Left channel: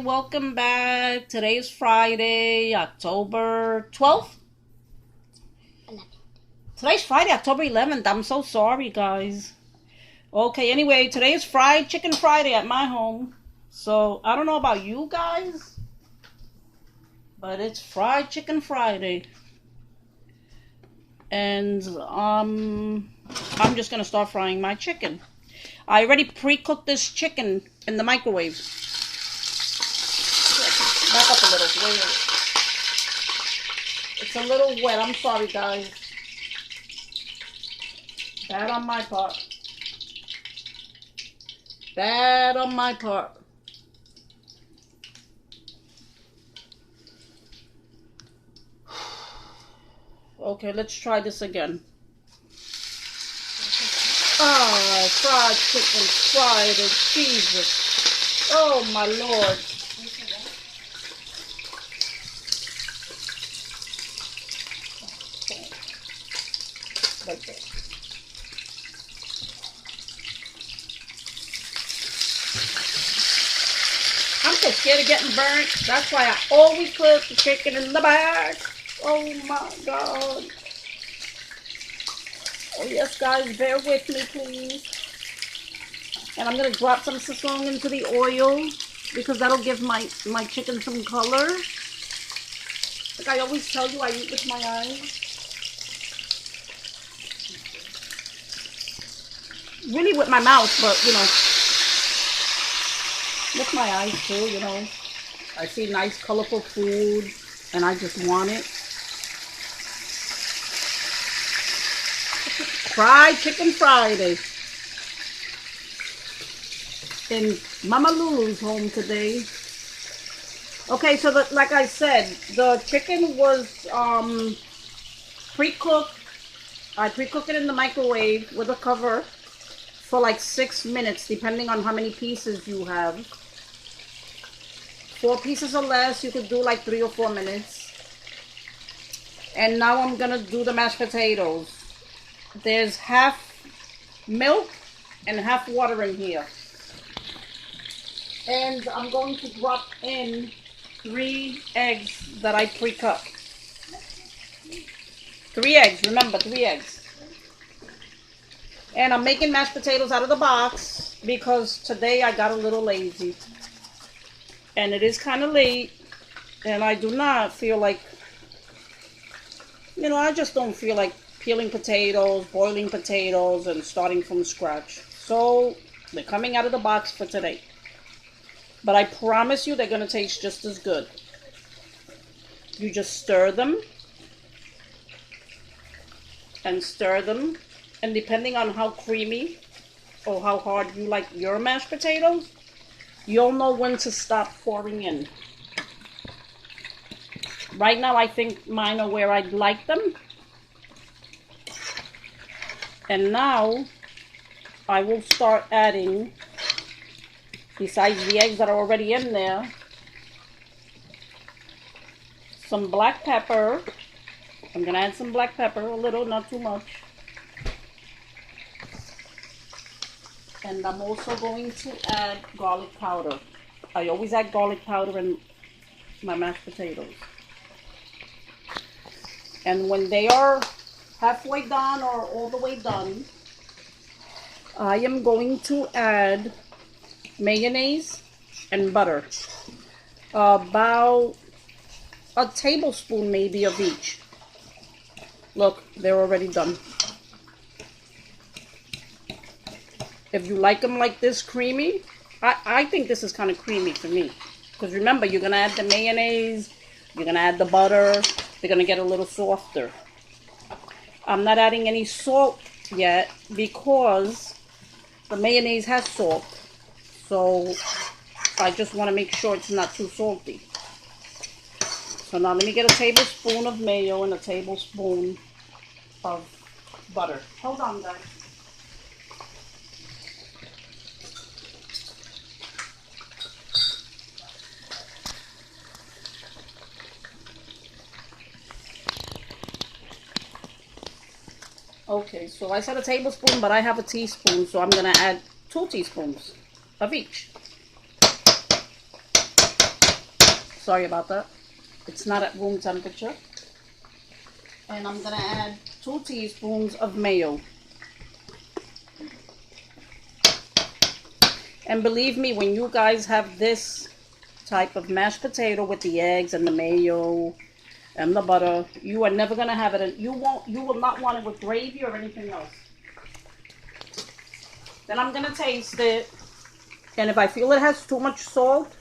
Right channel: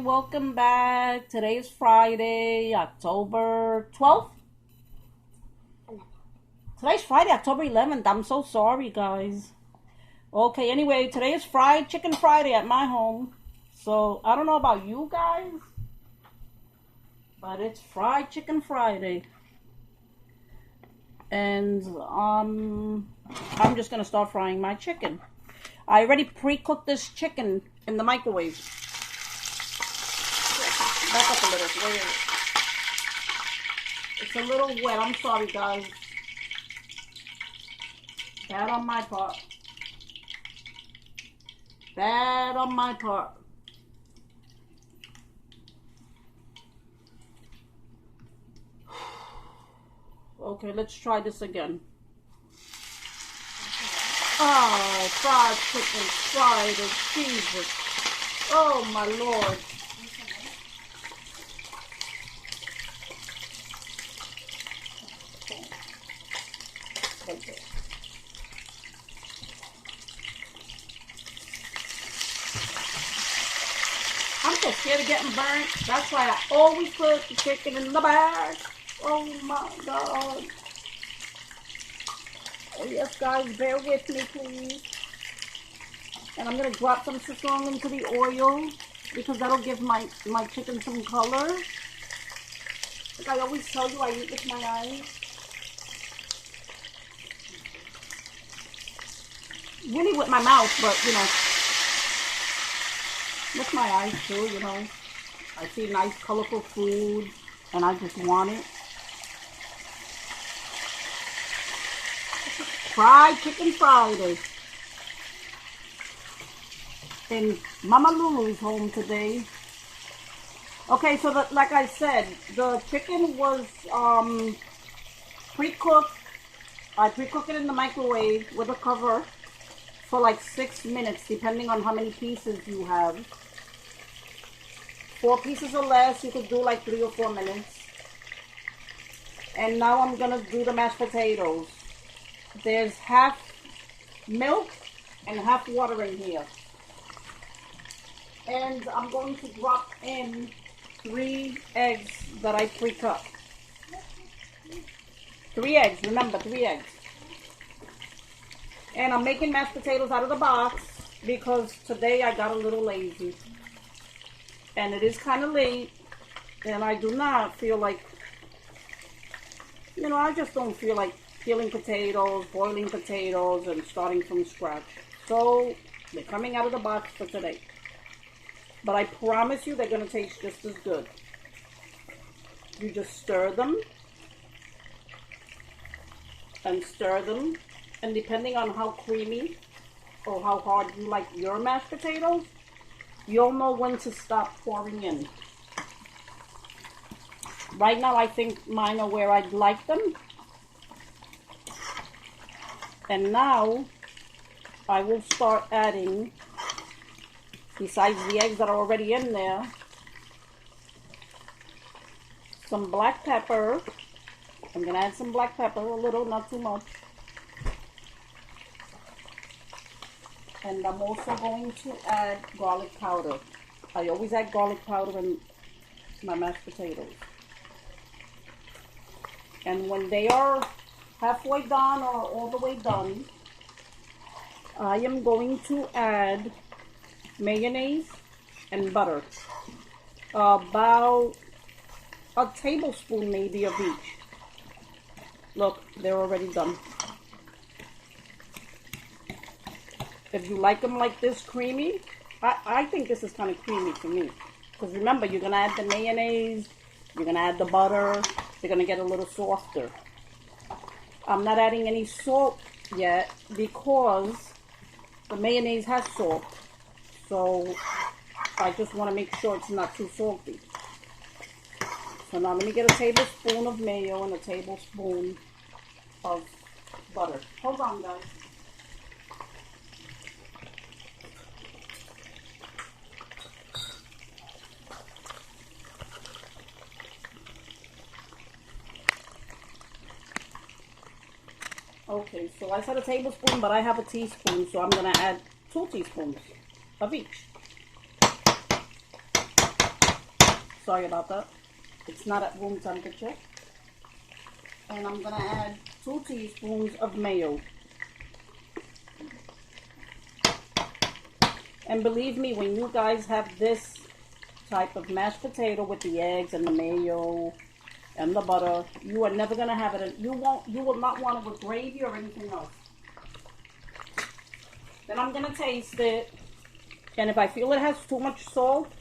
welcome back. Today is Friday, October 12th. Today's Friday, October 11th. I'm so sorry, guys. Okay, anyway, today is Fried Chicken Friday at my home. So, I don't know about you guys, but it's Fried Chicken Friday. And, I'm just gonna start frying my chicken. I already pre-cooked this chicken in the microwave. Back up a little. Wait. It's a little wet. I'm sorry, guys. Bad on my part. Bad on my part. Okay, let's try this again. Ah, fried chicken, fried and Jesus. Oh, my Lord. Okay. I'm so scared of getting burnt. That's why I always put the chicken in the bag. Oh my God. Oh yes, guys, bear with me, please. And I'm gonna drop some sazon into the oil because that'll give my chicken some color. Like I always tell you, I eat with my eyes. Really with my mouth, but you know, with my eyes too, you know. I see nice, colorful food, and I just want it. Fried Chicken Friday in Mama Lulu's home today. Okay, so like I said, the chicken was pre-cooked. I pre-cooked it in the microwave with a cover for like 6 minutes, depending on how many pieces you have. 4 pieces or less, you could do like 3 or 4 minutes. And now I'm gonna do the mashed potatoes. There's half milk and half water in here. And I'm going to drop in 3 eggs that I pre-cut. 3 eggs, remember, 3 eggs. And I'm making mashed potatoes out of the box because today I got a little lazy. And it is kind of late. And I do not feel like, you know, I just don't feel like peeling potatoes, boiling potatoes, and starting from scratch. So they're coming out of the box for today. But I promise you they're going to taste just as good. You just stir them. And stir them. And depending on how creamy or how hard you like your mashed potatoes, you'll know when to stop pouring in. Right now I think mine are where I'd like them. And now I will start adding, besides the eggs that are already in there, some black pepper. I'm going to add some black pepper, a little, not too much. And I'm also going to add garlic powder. I always add garlic powder in my mashed potatoes. And when they are halfway done or all the way done, I am going to add mayonnaise and butter. About a tablespoon maybe of each. Look, they're already done. If you like them like this creamy, I think this is kind of creamy for me. Because remember, you're going to add the mayonnaise, you're going to add the butter, they're going to get a little softer. I'm not adding any salt yet because the mayonnaise has salt. So I just want to make sure it's not too salty. So now let me get a tablespoon of mayo and a tablespoon of butter. Hold on, guys. Okay, so I said a tablespoon, but I have a teaspoon, so I'm going to add 2 teaspoons of each. Sorry about that. It's not at room temperature. And I'm gonna add 2 teaspoons of mayo. And believe me, when you guys have this type of mashed potato with the eggs and the mayo and the butter, you are never gonna have it. You will not want it with gravy or anything else. Then I'm gonna taste it, and if I feel it has too much salt,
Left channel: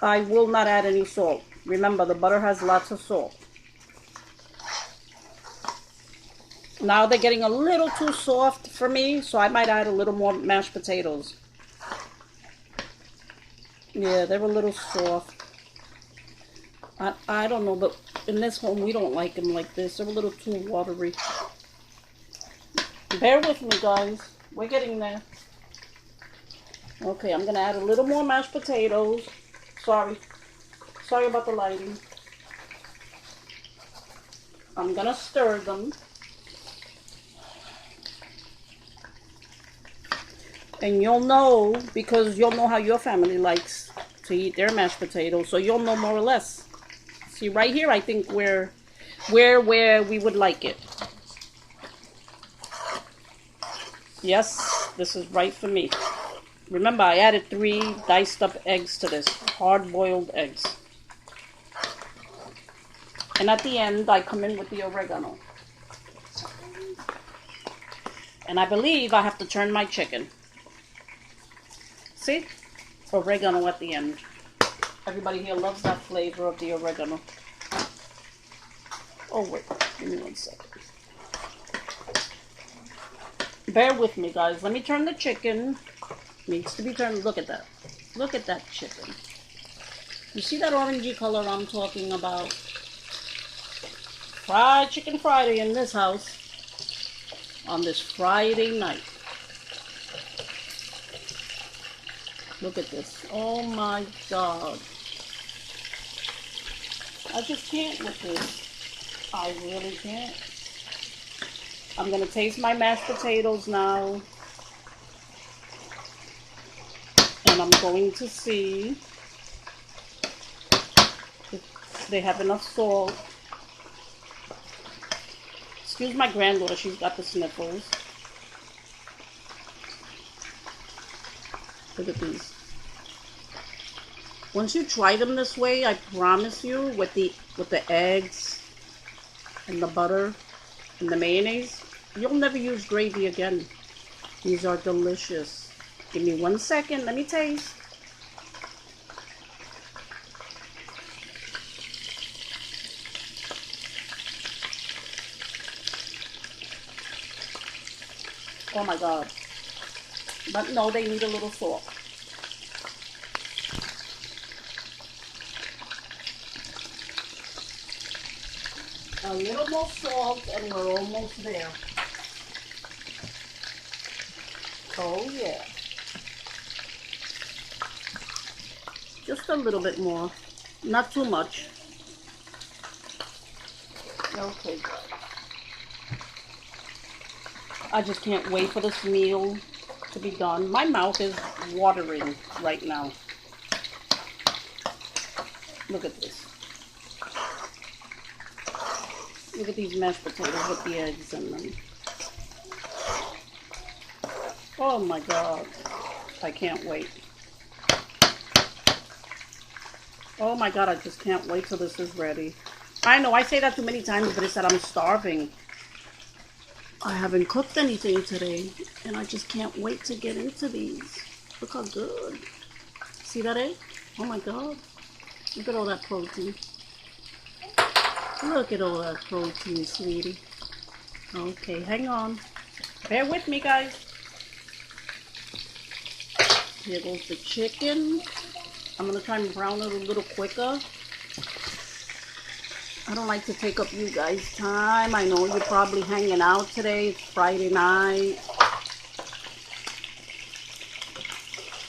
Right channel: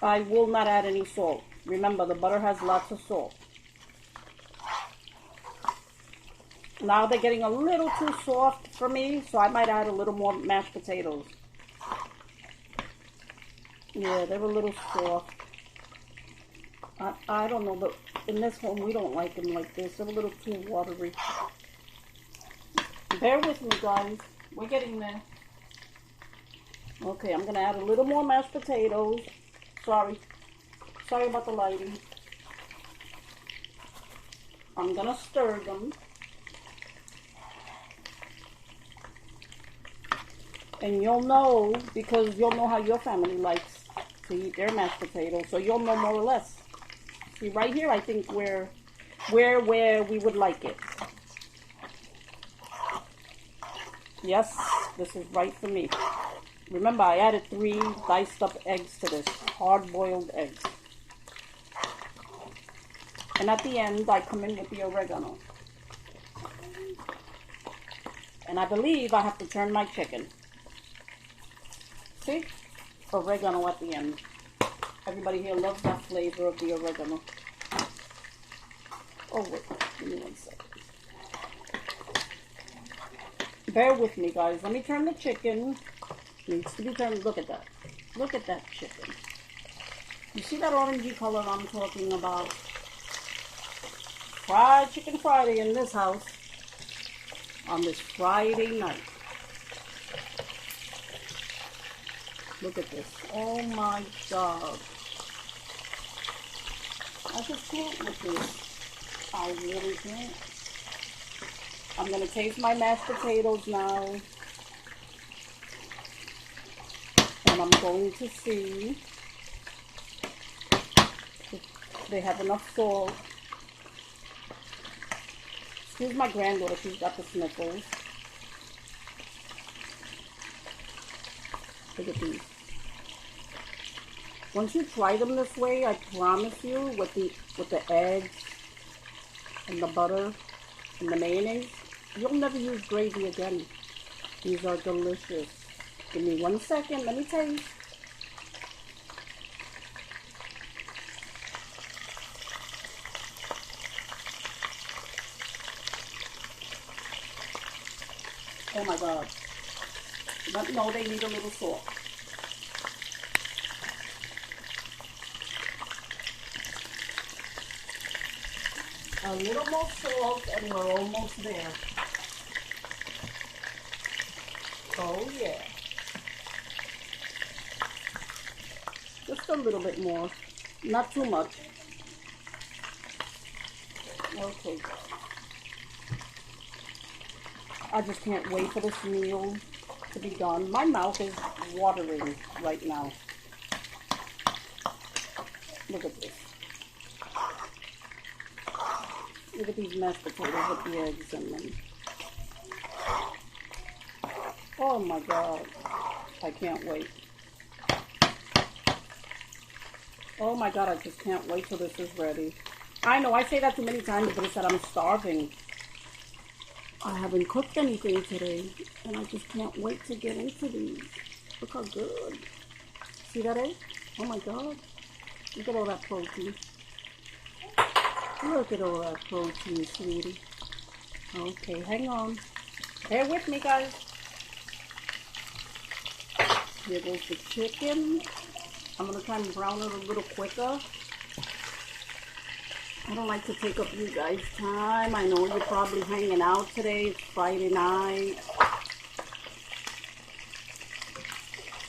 I will not add any salt. Remember, the butter has lots of salt. Now they're getting a little too soft for me, so I might add a little more mashed potatoes. Yeah, they're a little soft. I don't know, but in this home we don't like them like this. They're a little too watery. Bear with me, guys. We're getting there. Okay, I'm going to add a little more mashed potatoes. Sorry about the lighting. I'm going to stir them. And you'll know, because you'll know how your family likes to eat their mashed potatoes. So you'll know more or less. See, right here, I think where we would like it. Yes, this is right for me. Remember, I added 3 diced up eggs to this. Hard-boiled eggs. And at the end, I come in with the oregano. And I believe I have to turn my chicken. See? Oregano at the end. Everybody here loves that flavor of the oregano. Oh, wait. Give me 1 second. Bear with me, guys. Let me turn the chicken. Needs to be turned. Look at that. Look at that chicken. You see that orangey color I'm talking about? Fried Chicken Friday in this house on this Friday night. Look at this. Oh my God. I just can't with this. I really can't. I'm going to taste my mashed potatoes now. And I'm going to see if they have enough salt. Excuse my granddaughter, she's got the sniffles. Look at these. Once you try them this way, I promise you, with the eggs and the butter and the mayonnaise, you'll never use gravy again. These are delicious. Give me 1 second, let me taste. Oh my God. But no, they need a little salt. A little more salt and we're almost there. Oh yeah. Just a little bit more. Not too much. Okay. I just can't wait for this meal to be done. My mouth is watering right now. Look at this. Look at these mashed potatoes with the eggs in them. Oh my God. I can't wait. Oh my God, I just can't wait till this is ready. I know I say that too many times, but it's that I'm starving. I haven't cooked anything today, and I just can't wait to get into these. Look how good. See that egg? Oh my God. Look at all that protein. Look at all that protein, sweetie. Okay, hang on. Bear with me, guys. Here goes the chicken. I'm going to try and brown it a little quicker. I don't like to take up you guys' time. I know you're probably hanging out today. It's Friday night.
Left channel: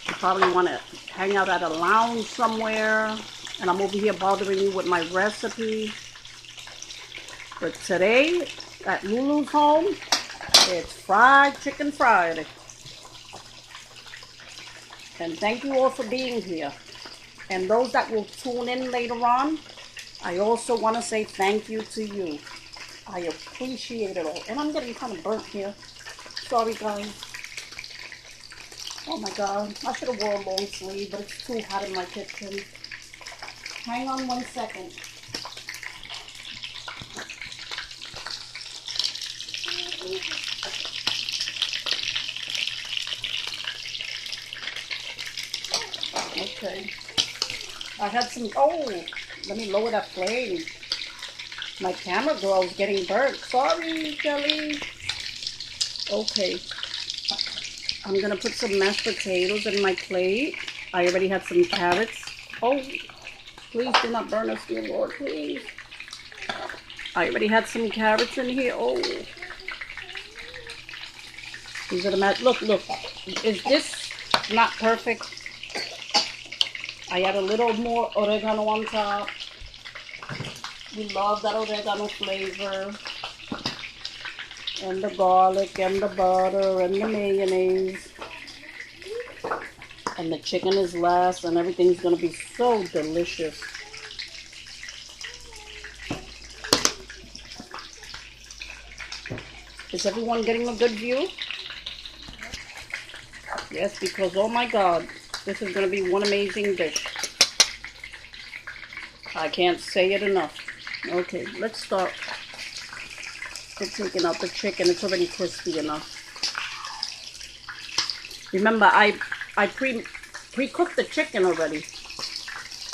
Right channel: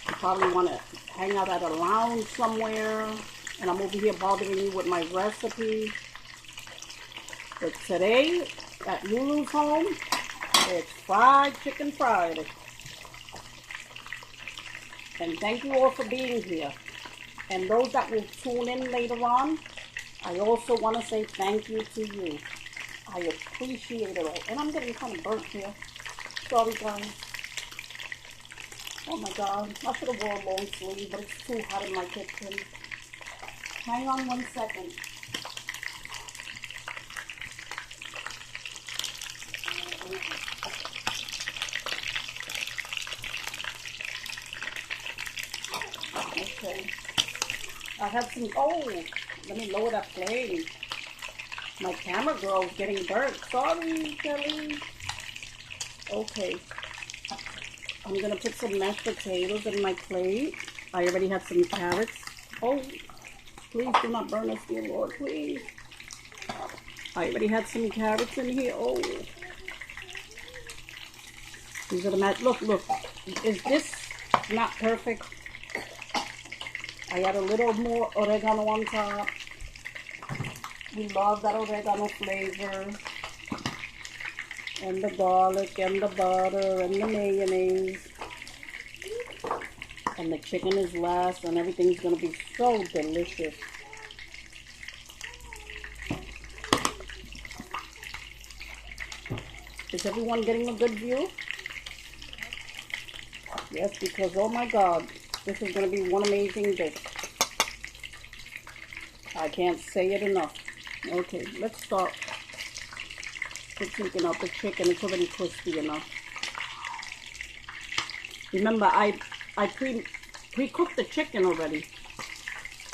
You probably want to hang out at a lounge somewhere. And I'm over here bothering you with my recipe. But today, at Lulu's home, it's Fried Chicken Friday. And thank you all for being here. And those that will tune in later on, I also want to say thank you to you. I appreciate it all. And I'm getting kind of burnt here. Sorry, guys. Oh my God. I should have worn a long sleeve, but it's too hot in my kitchen. Hang on 1 second. Okay. I had some, oh, let me lower that flame. My camera girl's getting burnt. Sorry, Kelly. Okay. I'm gonna put some mashed potatoes in my plate. I already had some carrots. Oh, please do not burn us, dear Lord, please. I already had some carrots in here. Oh. These are the mashed, look. Is this not perfect? I add a little more oregano on top. We love that oregano flavor. And the garlic and the butter and the mayonnaise. And the chicken is last and everything's going to be so delicious. Is everyone getting a good view? Yes, because oh my God, this is going to be one amazing dish. I can't say it enough. Okay, let's start with taking out the chicken. It's already crispy enough. Remember, I pre-cooked the chicken already.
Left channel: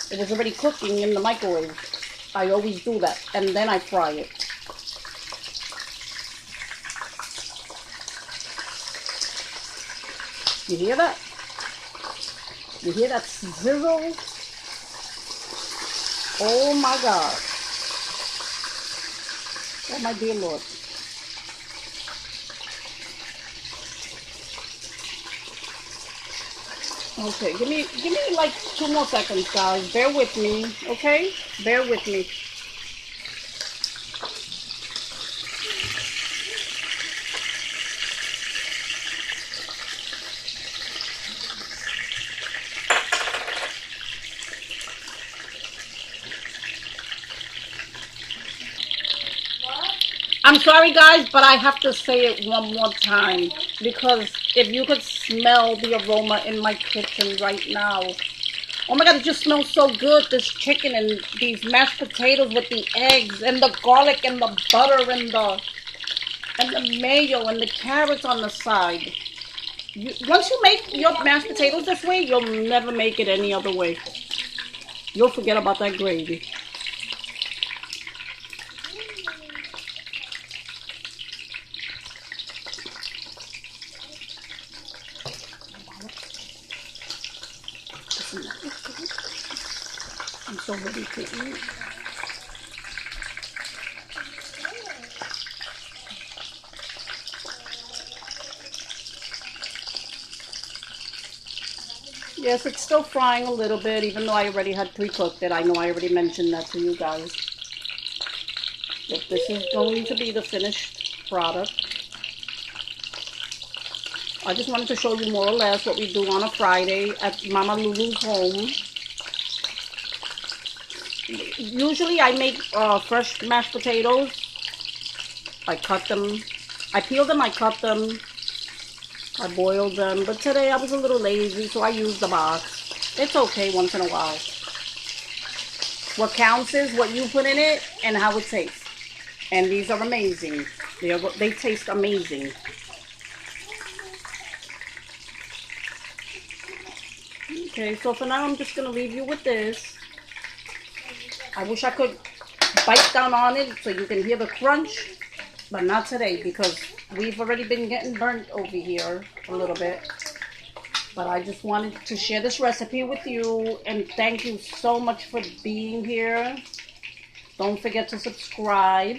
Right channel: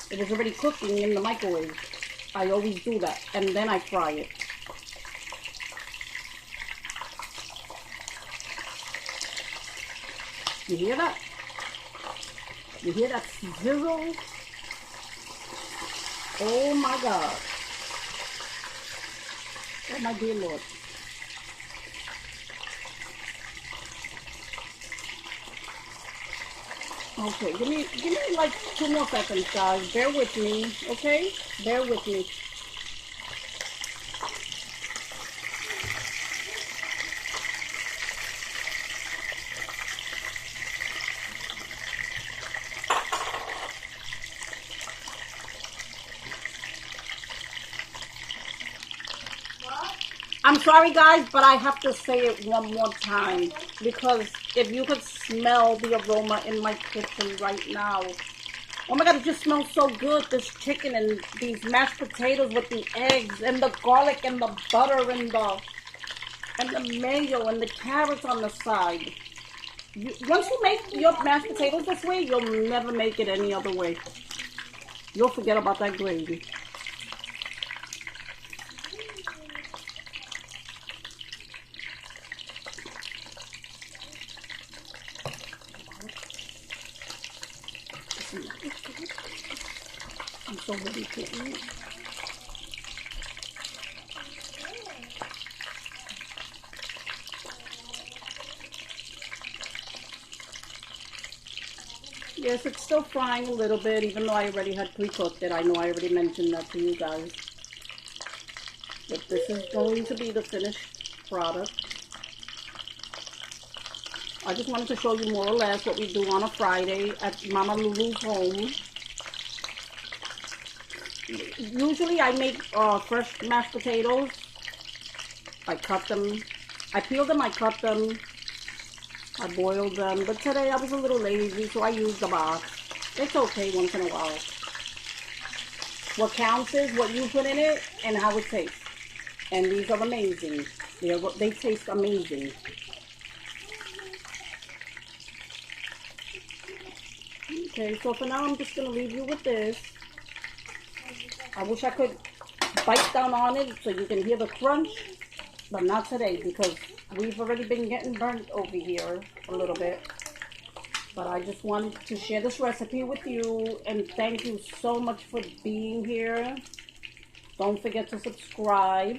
It was already cooking in the microwave. I always do that, and then I fry it. You hear that? You hear that sizzle? Oh my God. Oh my dear Lord. Okay, give me like 2 more seconds, guys. Bear with me, okay? Bear with me. I'm sorry, guys, but I have to say it one more time because if you could smell the aroma in my kitchen right now. Oh my God, it just smells so good, this chicken and these mashed potatoes with the eggs and the garlic and the butter and the mayo and the carrots on the side. Once you make your mashed potatoes this way, you'll never make it any other way. You'll forget about that gravy. I'm so ready to eat. Yes, it's still frying a little bit, even though I already had pre-cooked it. I know I already mentioned that to you guys. But this is going to be the finished product. I just wanted to show you more or less what we do on a Friday at Mama Lulu's home. Usually I make fresh mashed potatoes. I cut them. I peel them, I cut them. I boiled them. But today I was a little lazy, so I used the box. It's okay once in a while. What counts is what you put in it and how it tastes. And these are amazing. They taste amazing. Okay, so for now I'm just going to leave you with this. I wish I could bite down on it so you can hear the crunch, but not today because we've already been getting burnt over here a little bit. But I just wanted to share this recipe with you and thank you so much for being here. Don't forget to subscribe,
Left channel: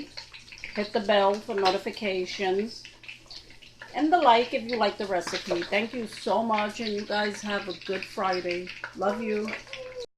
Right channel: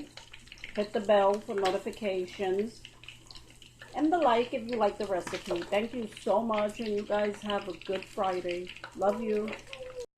hit the bell for notifications, and the like if you like the recipe. Thank you so much, and you guys have a good Friday. Love you.